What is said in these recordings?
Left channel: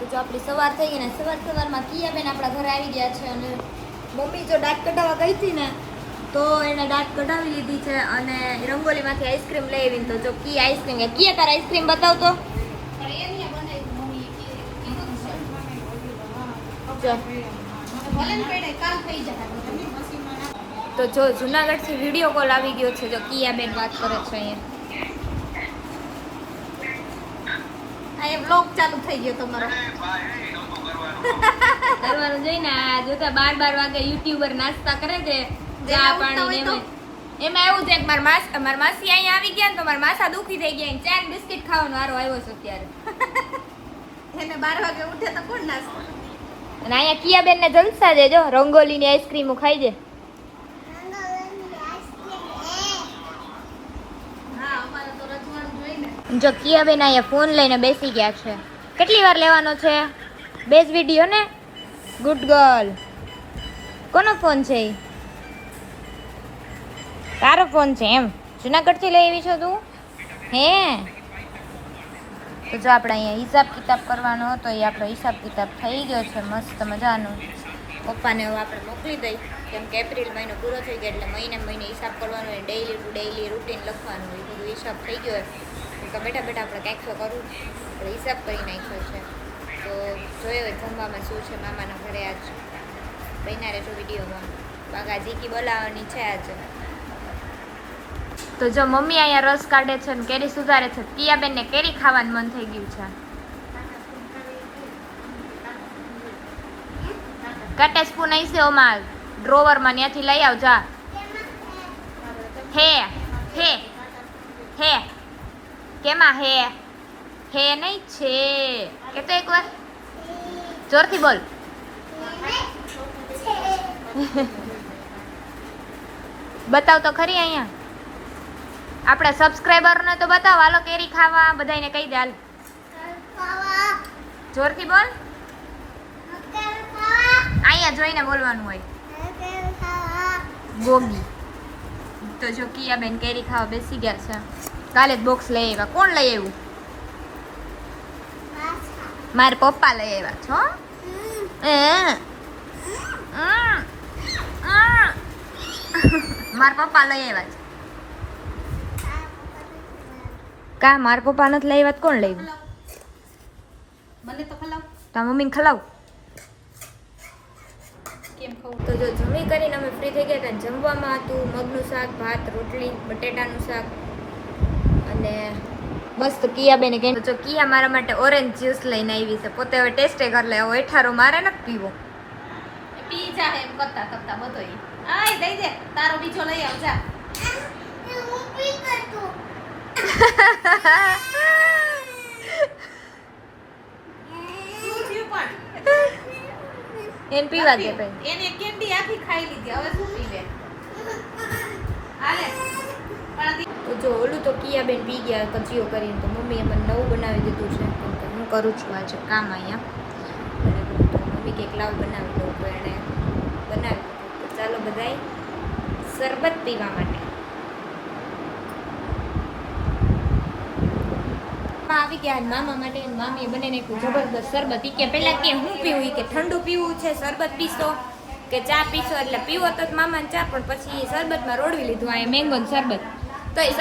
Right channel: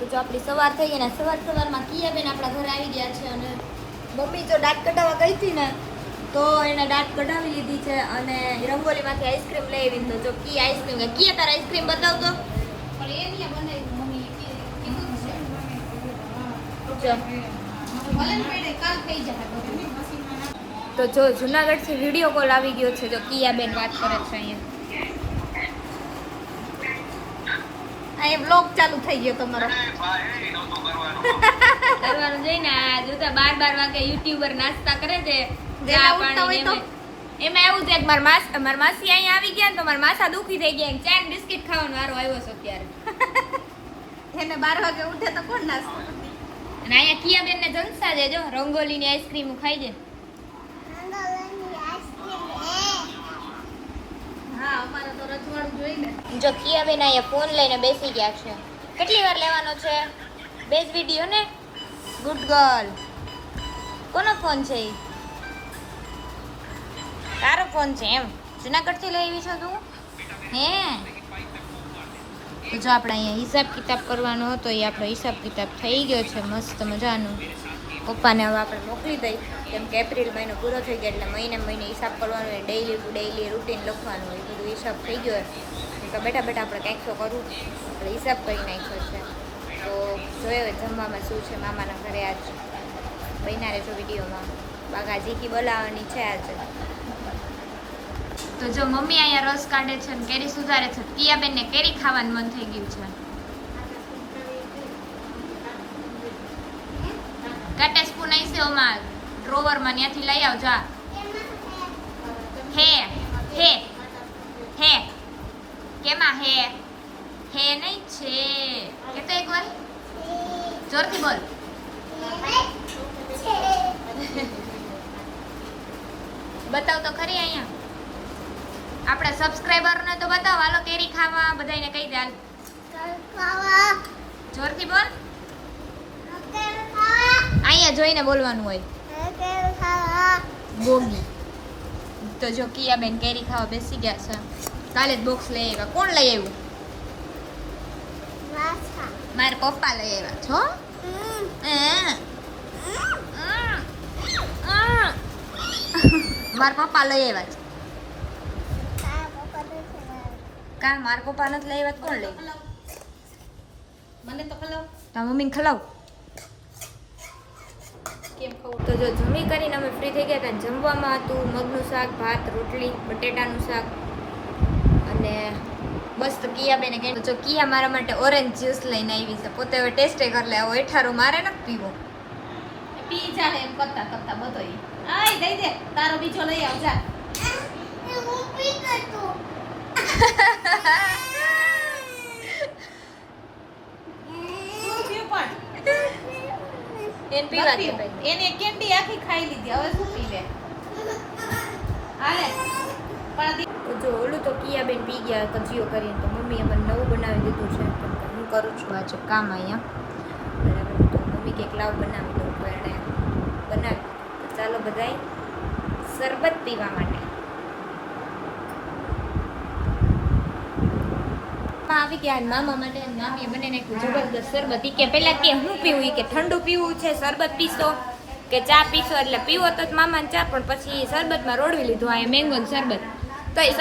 તો જો આપણી સવાર થઈ ગઈ ને સવારમાં કિયાબેન આપણા ઘરે આવી ગયા છે અને મમ્મી જો દાંત કઢાવવા ગઈ હતી ને તો એને દાંત કઢાવી લીધી છે અને રંગોલીમાંથી આઈસ્ક્રીમ લઈ આવી. તો જો કી આઈસ્ક્રીમ કિયા તારા આઈસ્ક્રીમ બતાવતો તો જો જુનાગઢ થી વિડીયો કોલ આવી ગયો છે. જો કિયાબેન વાત કરે છે અહીંયા આ બ્લોગ ચાલુ થઈ ગયો તમારો કરવાનું જોઈને આ જોતા 12 વાગે યુટ્યુબર નાસ્તા કરે છે ચા પાણી એમાં એવું છે કે મારા માસી અહીંયા આવી ગયા ને તો મારા માથા દુખી થઈ ગયા ને ચા બિસ્કિટ ખાવાનો વારો આવ્યો છે અત્યારે એને 12 વાગે ઉઠે તો કોણ નાસ્તો અને અહીંયા કિયાબેન ને જલસા છે. જો રંગોલીની આઈસ્ક્રીમ ખાઈ છે. હા અમારે તો રજવાડું જોઈને જો કિયાબેન અહીંયા ફોન લઈને બેસી ગયા છે. કેટલી વાર લેવાનો છે? બેસ વિડીયો ને. Good girl. કોનો ફોન છે? તારો ફોન છે એમ? જુનાગઢથી લઈ આવી છો તું? હે તો જો આપણે અહીંયા હિસાબ કિતાબ કરવાનો હતો એ આપણો હિસાબ કિતાબ થઈ ગયો છે મસ્ત મજાનો. પપ્પાને હવે આપણે મોકલી દઈ કેમ કે એપ્રિલ મહિનો પૂરો થઈ ગયો એટલે મહિને હિસાબ કરવાનો હોય, ડેઈલી ટુ ડેઈલી રૂટીન લખવાનું હોય. બધું હિસાબ થઈ ગયો હોય તો બેઠા આપણે કંઈક તો કરવું આપણે હિસાબ કરી નાખ્યો છે. તો જોયો હોય જમવામાં શું છે મામાના ઘરે આજ બન્યા રહેજો વિડીયોમાં. બાકા જીકી બોલાવવાની છે આજે. તો જો મમ્મી અહીંયા રસ કાઢે છે ને કેરી સુધારે છે. કિયાબેનને કેરી ખાવાનું મન થઈ ગયું છે. કાટા સ્પૂન આવી છે ઓમાં ડ્રોવરમાં ત્યાંથી લઈ આવ જા. હે હે હે કેમાં હે હે નહીં છે કે તો એકવાર જોરથી બોલ. બતાવ તો ખરી અહીંયા આપણા સબસ્ક્રાઇબરને તો બતાવ. હાલો કેરી ખાવા બધાને કહી દે. હાલ જોરથી બોલ. અહીંયા જોઈને બોલવાનું હોય. ગોગી. તો જો કિયાબેન કેરી ખાવા બેસી ગયા છે. કાલે જ બોક્સ લઈ આવ્યા. કોણ લઈ આવ્યું? મારા પપ્પા લઈ આવ્યા છો. મારા પપ્પા લઈ આવ્યા છે. કા મારા પપ્પા નથી લઈ આવ્યા? કોણ લઈ આવ્યું? મને તો ખલાવ તા મમ્મીને ખલાવ. કેમ ખાવું તો જો જમી કરીને અમે ફ્રી થઈ ગયા હતા. જમવામાં હતું મગનું શાક, ભાત, રોટલી, બટેટાનું શાક અને મસ્ત કિયાબેને કહ્યું જો કિયા મારા માટે ઓરેન્જ જ્યુસ લઈને આવી છે. પોતે હવે ટેસ્ટે કરી લે. હવે એઠારો મારે નથી પીવો. પી જા એમ કરતા કરતા બધોય આય દઈ દે તારો બીજો લઈ આવ જા હું પી કરતો એમ પીવા દે. એને કેન્ડી આખી ખાઈ લીધી હવે શું પીવે હાલે પણ તો જો ઓલું તો કિયાબેન પી ગયા કચીઓ કરીને. તો મમ્મીએ મને નવું બનાવી દીધું છે પણ હું કરું છું આજે કામ અહીંયા બરાબર. તો મમ્મી કંઈક લાવ બનાવી દઉં તો એણે બનાવી દીધું. તો ચાલો બધાય શરબત પીવા માટે આવી ગયા. મામા માટે મામીએ બનાવી નાખ્યું જબરદસ્ત શરબત. કે પહેલા કે હું પીવું કે ઠંડુ પીવું છે શરબત પીશો કે ચા પીશો એટલે પીવો તો મામાને ચા પણ પછી શરબતમાં રોડવી લીધું. અહીંયા મેંગોનું શરબત તો એ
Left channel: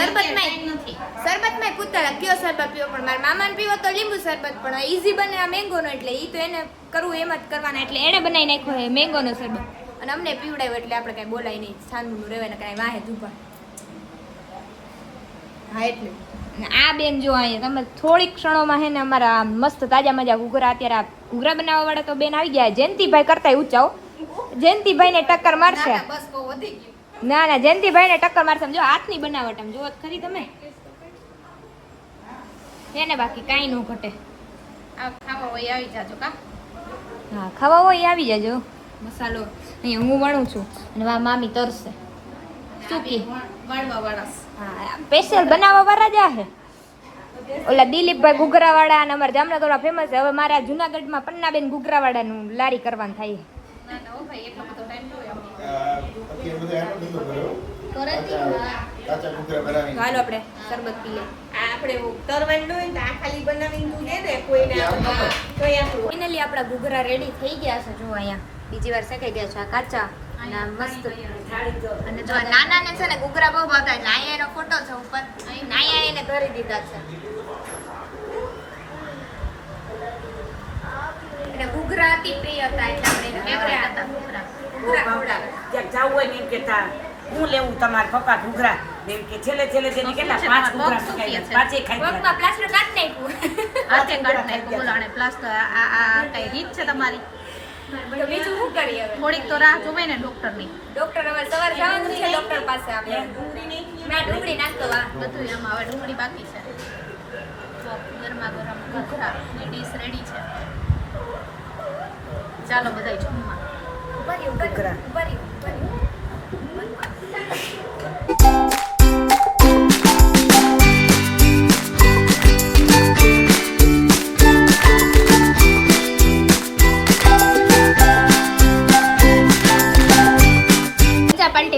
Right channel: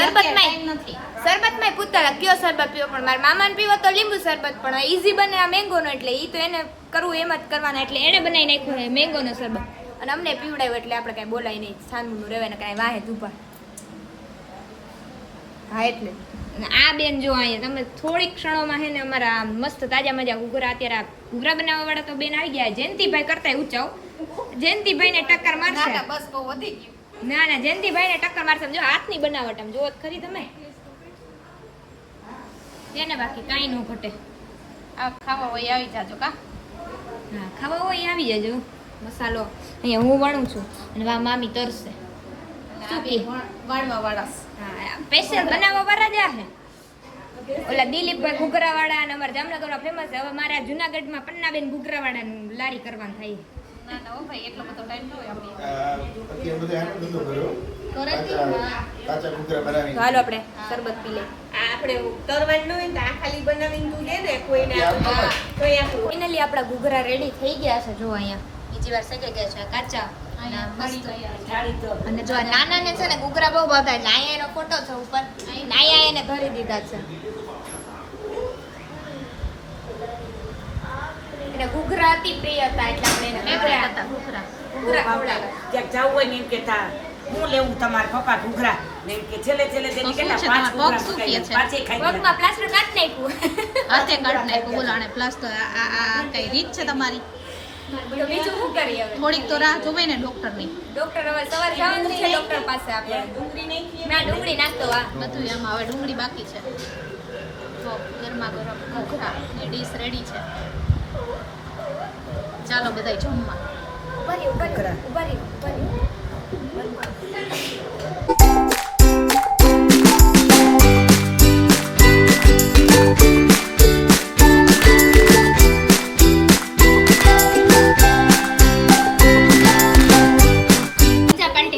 શરબતમાં પૂછતા કયો શરબત પીવો પણ મારા મામાને પીવો તો લીંબુ શરબત પણ ઈઝી બને આ મેંગોનો એટલે એ તો એને કરવું એમ જ કરવાના એટલે એણે બનાવી નાખ્યો છે મેંગોનો શરબત અને અમને પીવડાવ્યો એટલે આપણે કાંઈ બોલાય નહીં. છાનનું રહેવાય ને કાંઈ વાહે ધૂપા. હા એટલે આ બેન જો અહીંયા તમે થોડીક ક્ષણોમાં હે ને અમારા મસ્ત તાજા મજા ઘૂઘરા અત્યારે આ ઘૂઘરા બનાવવા વાળા તો બેન આવી ગયા. જયંતિભાઈ કરતા ઊંચાઓ જયંતિભાઈ ને ટક્કર મારશે. બસ બહુ વધી ગયું ના જયંતિભાઈ ને ટક્કર મારશે. જો હાથની બનાવટ આમ જોવો ખરી તમે તેને બાકી કાંઈ ન ઘટે. આ ખાવા હોય આવી જાજો કા હા ખાવા હોય આવી જાજો. મસાલો અહીંયા હું વણું છું અને વા મામી તરશે. શું કે વાળવા વાળા હા સ્પેશિયલ બનાવવા વાળા જ છે. ઓલા દિલીપભાઈ ઘૂઘરાવાળા અને અમારા જામનગરમાં ફેમસ છે. હવે મારા જુનાગઢમાં પન્નાબેન ઘૂઘરાવાળાનું લારી કરવાનું થાય. ના ના ઓ ભાઈ એટલો બધો ટાઈમ ન હોય આપણે અત્યારે બધા આનો ધંધો કર્યો ઘરેથી કાચા ઘૂઘરા બનાવીને હાલો આપણે શરબત પી લે. આપણે તરવાનું ન હોય ને તો આ ખાલી બનાવીને તું દે ને કોઈને ફાઇનલી આપણા ઘૂઘરા રેડી થઈ ગયા છે. જો અહીંયા બીજી વાર શેકાઈ ગયા છે આ કાચા અને આ મસ્ત. અને જો આ નાના ને છે ને ઘૂઘરા બહુ ભાવતા એટલે અહીંયા એનો ફોટો છે ઉપર. અહીંયા એને ધરી દીધા છે. એટલે ઘૂઘરા અતિ પ્રિય હતા એટલે આપણે એને ઘૂઘરા ઘૂઘરા ખવડાવ્યા. ક્યાંક જવું હોય ને એમ કે તાર હું લેવું તમારા પપ્પા ઘૂઘરા એમ કે છેલ્લે છેલ્લે તો તેની શું કેટલા છે પાંચ તમારે? પગ શું કહે છે? પાંચે ખાઈ પગમાં પ્લાસ્ટર કાઢી નાખ્યું. હાથે કાઢ નાખ્યું બોલો આને પ્લાસ્ટર આ કઈ રીત છે તમારી તો બીજું શું કરીએ હવે? થોડીક તો રાહ જોવે ને ડોક્ટરની ડોક્ટર હવે સવારે જવાનું છે ડોક્ટર પાસે આપણે. મેં ડુંગળી નાખતો આ. બધું એમાં હવે ડુંગળી બાકી છે તો ગરમા ગરમ ઘૂઘરા ની ડીશ રેડી છે ચાલો બધાય જમવા ઘૂઘરા.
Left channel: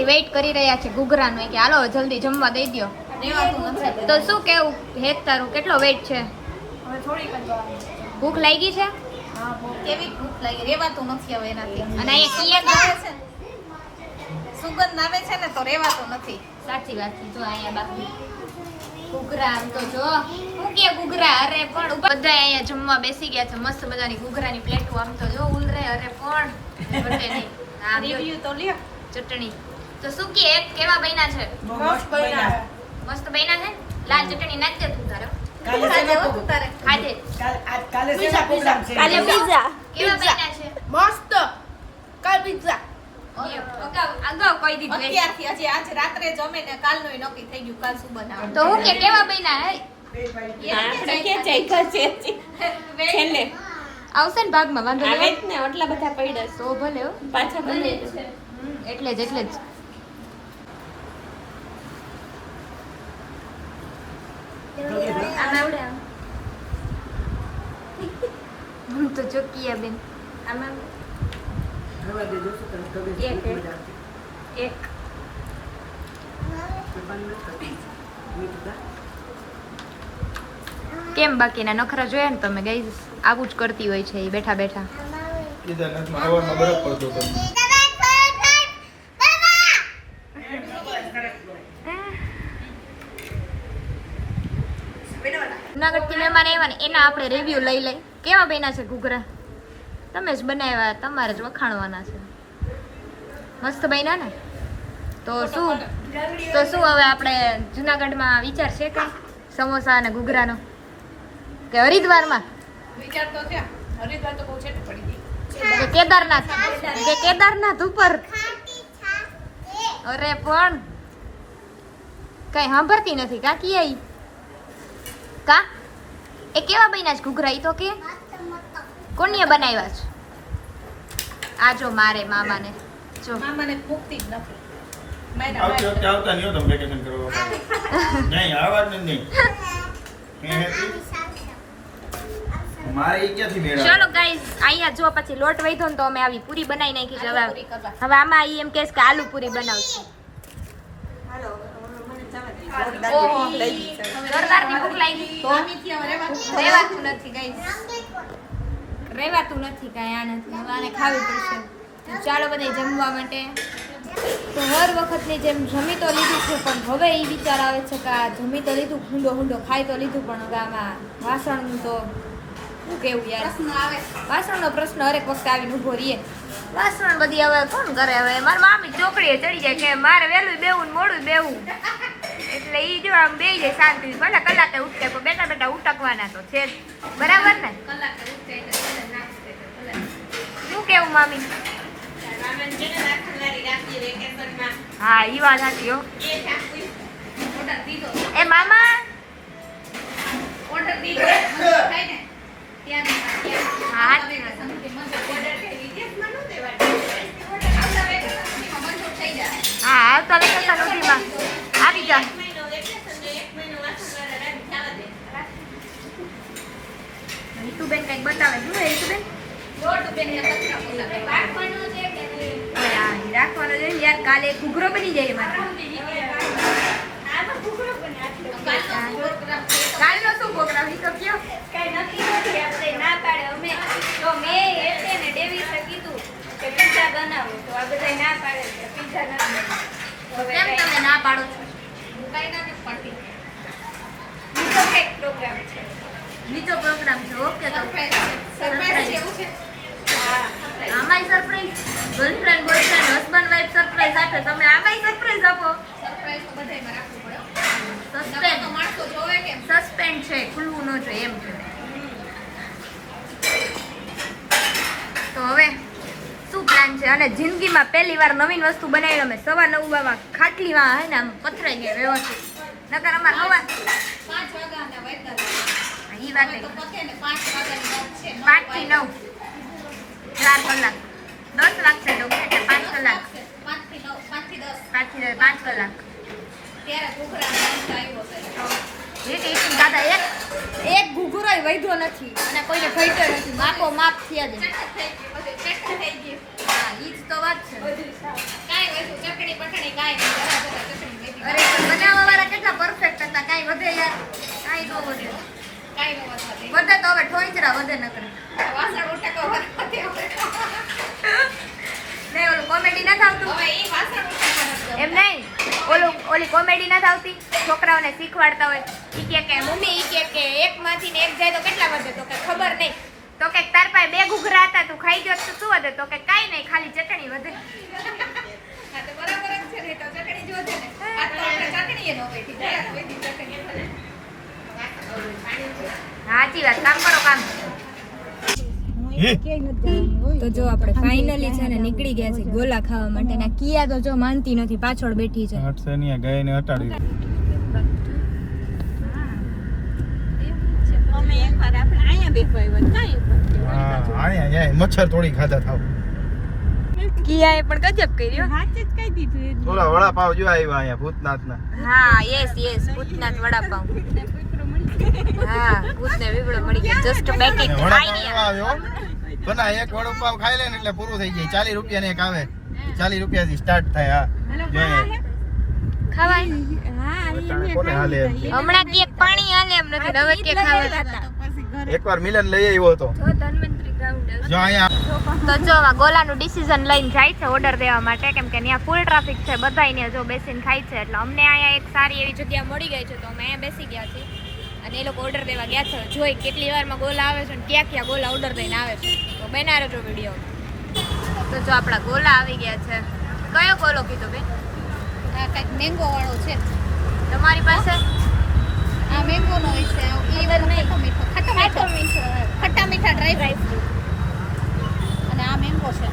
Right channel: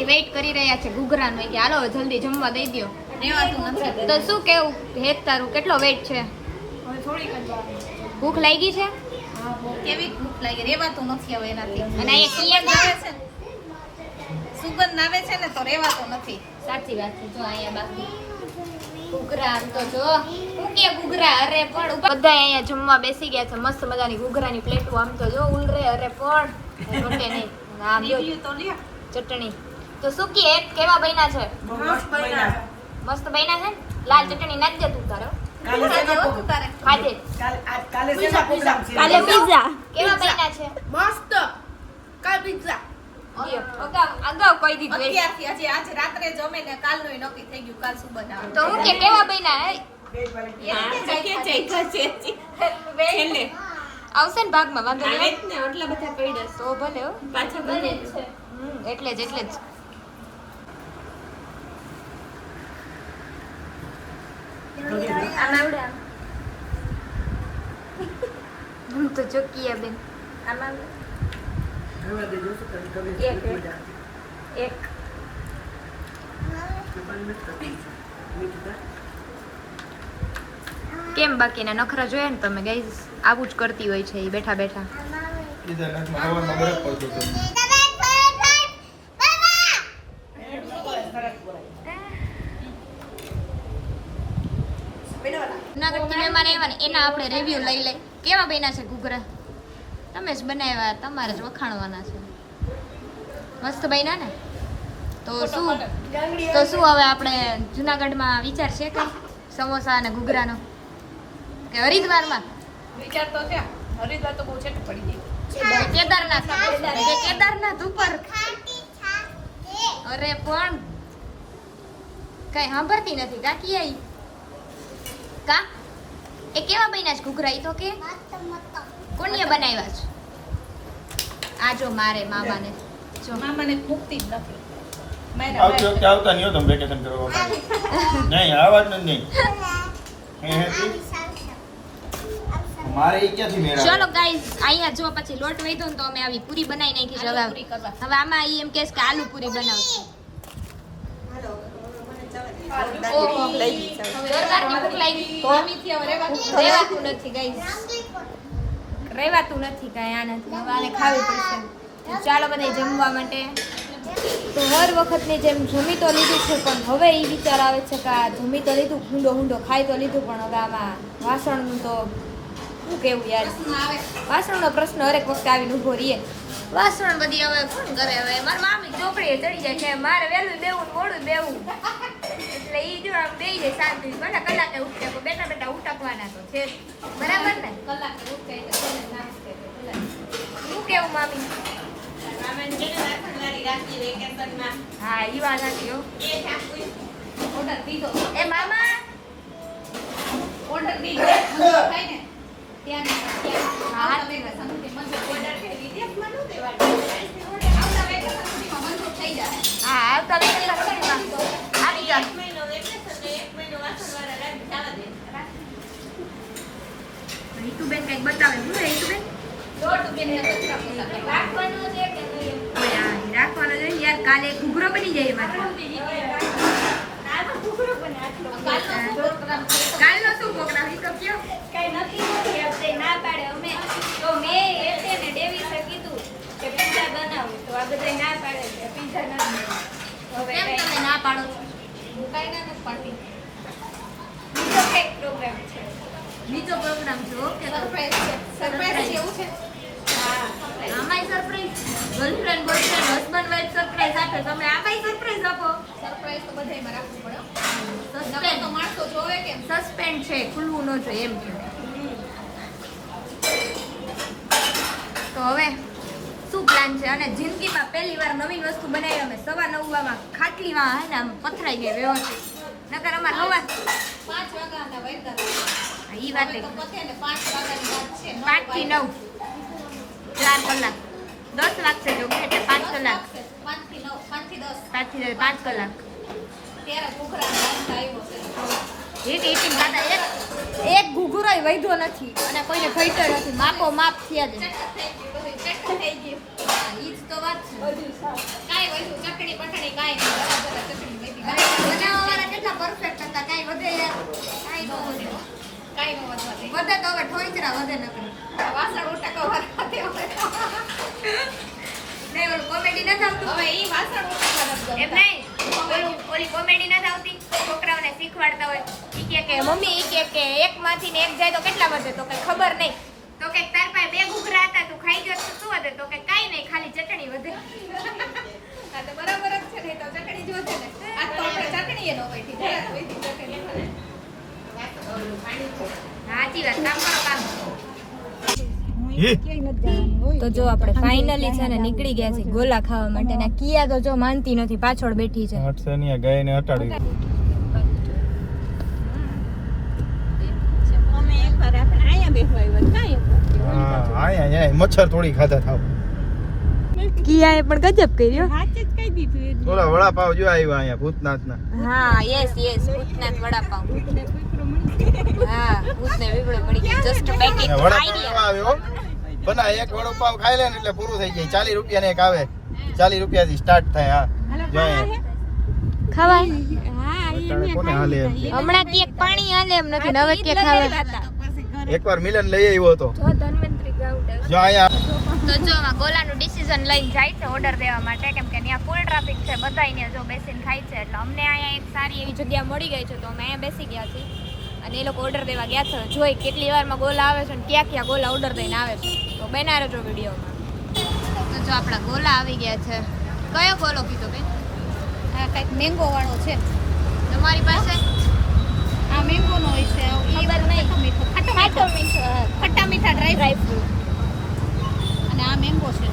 વેઇટ કરી રહ્યા છે ઘૂઘરાનો કે હાલો જલ્દી જમવા દઈ દ્યો. રેવાતું નથી તો શું કેવું હેત તારું કેટલો વેઇટ છે? હવે થોડીક જ ભૂખ લાગી છે? હા કેવી ભૂખ લાગી રેવાતું નથી હવે એનાથી અને અહીંયા સુગંધ આવે છે ને સુગંધ આવે છે ને તો રેવાતું નથી સાચી વાત છે. જો અહીંયા બાકી ઘૂઘરા આમ તો જો હું કે ઘૂઘરા અરે પણ બધા અહીંયા જમવા બેસી ગયા છે. મસ્ત મજાની ઘૂઘરાની પ્લેટો આમ તો જો ઉલરે અરે પણ ઘટે નહીં. આમ જો રિવ્યુ તો લ્યો ચટણી તો શું કે એક કેવા બન્યા છે? મસ્ત બન્યા. મસ્ત બન્યા છે. લાલ ચટણી નાખજે તું તારો કાલે છે ને ખાધે તારે ખાજે. કાલે છે ને પ્રોગ્રામ છે કાલે પીઝા કેવા બન્યા છે? મસ્ત કાલ પિઝા અગાઉ કહી દીધું. અત્યારથી હજી આજે રાત્રે જમે ને કાલનું નક્કી થઈ ગયું કાલ શું બનાવવાનું તો હું કે કેવા બન્યા હે? આપણે કે જઈતા છે છેલ્લે આવશે ને ભાગમાં વાંધો આવે નહીં. જ ને એટલા બધા પડ્યા તો ભલે હો. પાછા બને એટલે જ હું તો ચોકીયા બેન એક કેમ બાકીના નખરા જોયા ને તમે ગાઈસ આવું જ કરતી હોય છે એ બેઠા બેઠા. કેદારનાથમાં હવામાં બરફ પડતો હતો. જુનાગઢથી મહેમાન આવ્યા ને એના આપણે રિવ્યુ લઈ લઈ. કેવા બન્યા છે ઘૂઘરા? તમે જ બનાવ્યા, તમારે જ વખાણવાના છે. મસ્ત બન્યા ને? તો શું હવે આપણે જુનાગઢમાં વિચાર છે કે સમોસા અને ઘૂઘરાનો કે હરિદ્વારમાં વિચાર તો છે હરિદ્વાર તો બહુ છેટું પડી ગઈ કેદારનાથ ઉપર? અરે પણ કઈ સાંભળતી નથી કાકી આઈ કા એ કેવા બન્યા છે ઘૂઘરા? ઈ તો કે કોને બનાવ્યા છે? આ જો મારે મામાને જો મામાને ભૂખતી જ નથી આવતી વખતે આવતા નહીં હો તમે વેકેશન કરવા માટે. નહીં આવા જ નહીં. મારે ઈ ક્યાંથી મેળા ચલો ગાઈઝ અહીંયા જો પછી લોટ વધ્યો ને તો અમે આવી પૂરી બનાવી નાખી છે. આલુ પૂરી કરવા. હવે આમાં ઈ એમ કહે છે કે આલુ પૂરી બનાવશું. જોરદારની ભૂખ લાગી. મામીથી હવે રહેવાતું નથી ગાઈઝ, રહેવાતું નથી કાંઈ આનાથી. હવે આને ખાવી પડશે. તો ચાલો બધા જમવા માટે. તો હર વખતની જેમ જમી તો લીધું છે પણ હવે એ વિચાર આવે છે કે આ જમી તો લીધું, હુંડો ખાઈ તો લીધું, પણ હવે આમાં વાસણનું તો શું કેવું યાર. વાસણનો પ્રશ્ન હરેક વખતે આવીને ઊભો રહીએ. વાસણ બધી હવે કોણ કરે? હવે મારા મામી ચોકડીએ ચડી જાય કે મારે વહેલું બેવું ને મોડું બેવું, એટલે ઈ જો આમ બેહી જાય શાંતિ. ભલે કલાકે ઉઠે પણ બેઠા બેઠા ઉટકવાના તો છે જ. બરાબર ને? કલાકે ઉઠે એટલે કલાક નાખશે તો કલાક શું કેવું મામી? મામાને છે ને રાખનારી રાખી વેકેશનમાં હા ઈ વાત સાચી હો. એ ઠાકુર ઓર્ડર દીધો એ મામા ઓર્ડર દીધો થાય ને ત્યાં હા. મંજૂર ઓર્ડર થઈ વિદેશમાં નો દેવાનું આપણા વેકેશન સુધીમાં મંજૂર થઈ જાય હા આવતા વેકેશન સુધીમાં આવી જાય. એક મહિનો વાસણવાળા રાખી જવા દે. રીતુબેન કંઈક બતાવે. શું હે રીતુબેન? દોઢ બેનને કચરા પોતા કરવા. રાખવાનો છે કે નહીં? ઓય, આ રાખવાનો છે યાર, કાલે ઘૂઘરો બની જાય મારે. આ તો ઘૂઘરો બને આટલો. કાલનો પ્રોગ્રામ છે. કાલનો શું પ્રોગ્રામ ઈ તો કયો? કઈ નક્કી નથી આપણે ના પાડે અમે તો મેં એટલે ને ડેવિસે કીધું કે પિઝા બનાવો તો આ બધા ના પાડે છે પિઝા નથી બનાવવો. હવે કેમ કાંઈ તમે ના પાડો છો? હું કાંઈ ના નથી પાડતી. બીજો કંઈક પ્રોગ્રામ છે બીજો પ્રોગ્રામ છે. ઓકે તો સરપ્રાઈઝ છે સરપ્રાઈઝ એવું છે હા surprise. આમાંય surprise, girlfriend boyfriend husband wife surprise આપે, તમે આમાંય સરપ્રાઈઝ આપો. સરપ્રાઈઝ તો બધાયમાં રાખવું પડે હો. નકર તો સસ્પેન્સ માણસો જોવે કેમ સસ્પેન્ડ છે, ખુલવું ન જોઈએ એમ છે. તો હવે શું પ્લાન છે? અને જિંદગીમાં પહેલી વાર નવીન વસ્તુ બનાવી અમે 9:15 ખાટલીમાં હે ને આમ પથરાઈ ગયા વ્યવસ્થિત. નકર અમાર હવા 5 વાગ્યાના વાગ્યા ઈ વાત હવે તો પતે ને 5 વાગ્યાની વાત છે 5 થી 9 4 કલાક 10 વાગશે જો એટલે 5 કલાક 5 થી 9 5 થી 10 5 થી 5 કલાક ત્યારે ઘૂઘરા નાસ્તો આવ્યો છે રીત ઈટિંગ દાદા એક ઘૂઘરોય વૈધો નથી અને કોઈને ઘટ્યો નથી, માપો માપ થયા દે. ચટ થઈ ગયું હા ઈ જ તો વાત છે. કાંઈ વધુ ચટણી પટણી કાંઈ નહીં જરા જરા ચટણી વધી અરે પણ બનાવવા વાળા કેટલા પરફેક્ટ હતા, કાંઈ વધે યાર, કાંઈ ન વધે. કાંઈ ન વધવા દે વધે તો હવે ઠોઈચરા વધે નકરી. વાસણ ઉટકા વરવા દે હવે ને ઓલું કોમેડી નથી આવતું હવે ઈ વાસણ ઉટકા નથી એમ નહીં, ઓલી કોમેડી નથી આવતી, છોકરાઓને શીખવાડતા હોય ઈ કે મમ્મી ઈ કે એકમાંથી ને એક જાય તો કેટલા વધે? તો કે ખબર નહીં. તો કે તાર પાસે 2 ઘૂઘરા હતા તું ખાઈ ગયો તો શું વધે? તો કે કાંઈ નહીં, ખાલી ચટણી વધે. હા તો બરાબર જ છે ને તો ચટણી જ વધે ને આ તો આપણે ચટણી એ ન વધી જાય વધી ચટણી વધે સાચી વાત, કામ કરો કામ. હે તો જો આપણે ફાઇનલી છે ને નીકળી ગયા છે ગોલા ખાવા માટે ને કિયા તો જો માનતી નથી, પાછળ બેઠી છે. હટશે નહીં, ગઈ ને હટાડી અમે એકવાર આપણે અહીંયા બેઠવા આવ્યા કાંઈ આયા મચ્છર થોડી ખાધા થાવ. કિયાએ પણ ગજબ કર્યો. હાથ જ કહી દીધું ઓલા વડાપાવ જો આવ્યા અહીંયા ભૂતનાથના. હા યસ ભૂતનાથ વડાપાવ. હા ભૂતને વિગડો મળી ગયો, જસ્ટ પેકેટ વડાપાવ આઈડિયા. આવ્યો બના એક વડાપાવ ખાઈ લે ને એટલે પૂરું થઈ જાય. 40 રૂપિયા ને એક આવે, 40 રૂપિયાથી સ્ટાર્ટ થાય. હા જો અહીંયા ખવાય કોને હાલે એમ? હમણાં કે પાણી હાલે એમ નથી, હવે કે ખાવા. એકવાર મિલન લઈ આવ્યો હતો જો અહીંયા. તો જો આ ગોલાનું ડિસિઝન લઈને જાય છે ઓર્ડર દેવા માટે, કેમ કે ત્યાં ફૂલ ટ્રાફિક છે, બધાયને જો બેસીને ખાય છે. એટલે અમને અહીંયા એક સારી એવી જગ્યા મળી ગઈ છે તો અમે અહીંયા બેસી ગયા છીએ અને એ લોકો ઓર્ડર દેવા ગયા છે. જોઈ કેટલી વારમાં ગોલા આવે છે ને ક્યાં ક્યાં ગોલા ઓર્ડર દઈને આવે છે, તો બના રહેજો વિડીયોમાં. તો જો આપણા ગોલા આવી ગયા છે. કયો ગોલો કીધો બેન? આ કંઈક મેંગો વાળો છે તમારી પાસે? આ મેંગો નો હોય છે ખબર નહીં. ખાટો મીઠો ખટ્ટા મીઠા ડ્રાય ફ્રૂટ અને આ મેંગો છે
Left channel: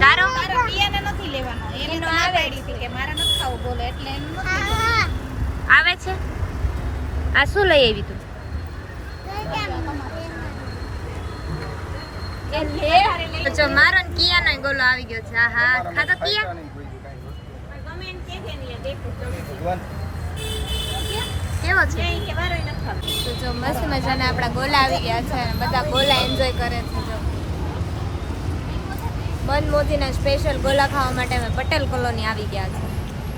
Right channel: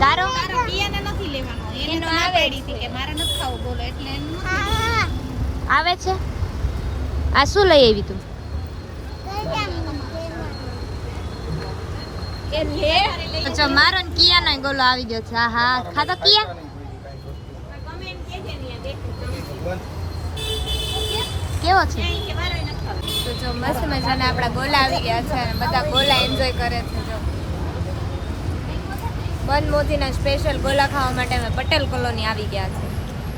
તારો તારો પિયાને નથી લેવાનો એને એનો તો ના આવે પાડી હતી કે મારે નથી ખાવો બોલો એટલે એનું નથી આવે છે. આ શું લઈ આવી તું? એ લે તો જો મારો ને કિયાનો ગોલો આવી ગયો છે. હા ખાધો કિયા? તમે એમ કહેજે ને દેખો કેવો છે? કે મારે નથી ખાવો તો જો મસ્ત મજાના આપણા ગોલા આવી ગયા છે અને બધા ગોલા એન્જોય કરે છે. જો બંધ મોતીના સ્પેશિયલ ગોલા ખાવા માટે અમે પટેલ કોલોની આવી ગયા છે.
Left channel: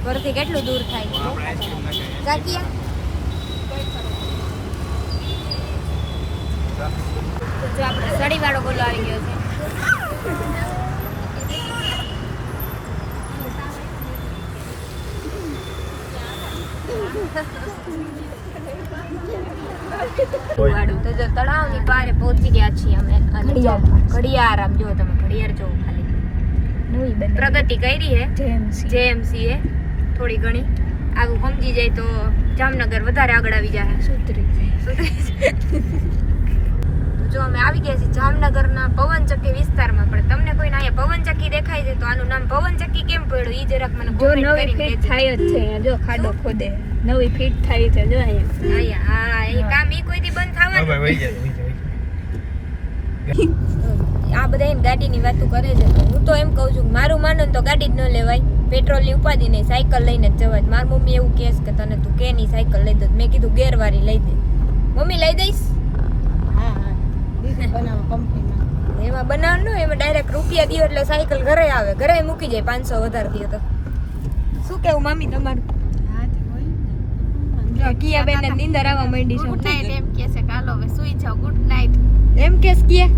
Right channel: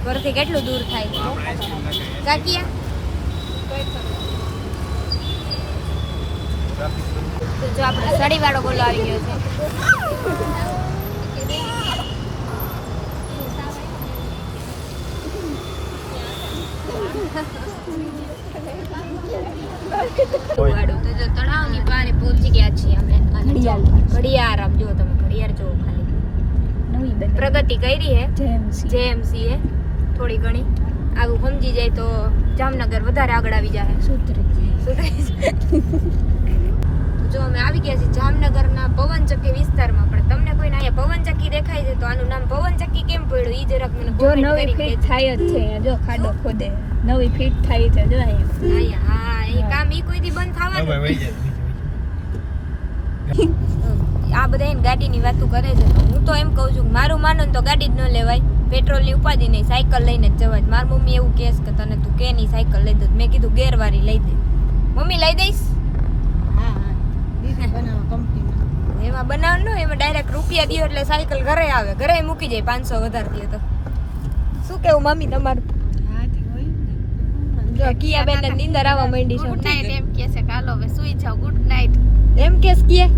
ઘરથી કેટલું દૂર થાય છે કાકિયા? તો જો આપણે સળીવાળો ગોલો આવી ગયો છે. વાળું તો જો તળાવની પારે પહોંચી ગયા છીએ અમે. અને જો ઘડિયાળ આમ જો તમે ઘડિયાળ જો ખાલી પ્રગતિ કરી હે જેએમસી એ થોડી ઘણી. આવું સમજી જાય તો જામનગર વધારે આગળ આવી જાય. જો અમે આવી ગયા છીએ જામનગરના પવનચક્કી વિસ્તારમાં. પણ તમને કોઈને અહીંયા પવનચક્કી દેખાય છે તો આનું નામ પવનચક્કી કેમ પડ્યું ઈ જરાક મને જો comment નવી કરીને ફીટ કહેજો. થાય જ છે જો ખાડો ખોદે નવી ફીટ થાય છે જો અહીંયા અહીંયા હા એ કામ ઈ કોઈ દી બંધ થવાનું હવે વહી જાય, વહી જાય. આ બધા એને ગાડીની વાતો કરે છે. તો હું તો એમ કહું છું કે મારું માનો ને તો ગાડી જ ન લેવાય, પેટ્રોલની ઉપાધિ નહીં, સાયકલ લઈને જ જવાય. મારી મમ્મી એવું કહે છે કે તને તું કે નહીં સાયકલ લઈ દે. મેં કીધું ગેરવાળી લઈ દે. મમ્મી લઈ દઈશ? હા હા એમાં બનાવવાનું ને એમાં ડાયરેક્ટ રૂપિયા દો એટલે સાયકલ ઘરે આવે, ઘરે મૂકી જાય 500 વધારે દે તો. શું કેવું મમ્મી તમારું? જો કિયા બેન ને નીંદર આવવા માંડી છે. ગુડ નાઈટ એમ કે છે કાલો હવે સુઈ જાવ ગુડ નાઈટ એમ કેસ કિયા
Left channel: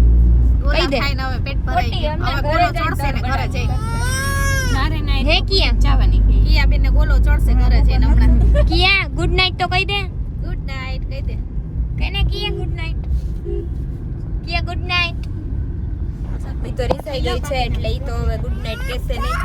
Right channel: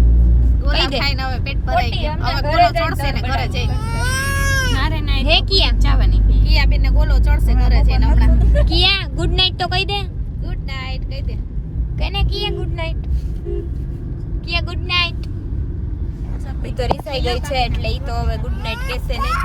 ગોલા કહી દે. ખાઈને હવે પેટ ભરાઈ ગયું હવે ગોલો ચડશે ને ઘરે જઈ નારે નાઈટ હે કિયા જવાની કિયા બેન ને ગોલો ચડશે ઘરે જઈને હમણાં કિયા ગુડ નાઈટ તો કહી દે. ગુડ નાઈટ કહી દે કને કિયા ગુડ નાઈટ. કિયા ગુડ નાઈટ. ઈ તો રીસાઈ ગઈ છે એટલે ઈ તો હવે ગુડ નાઈટ કહેશે નહીં.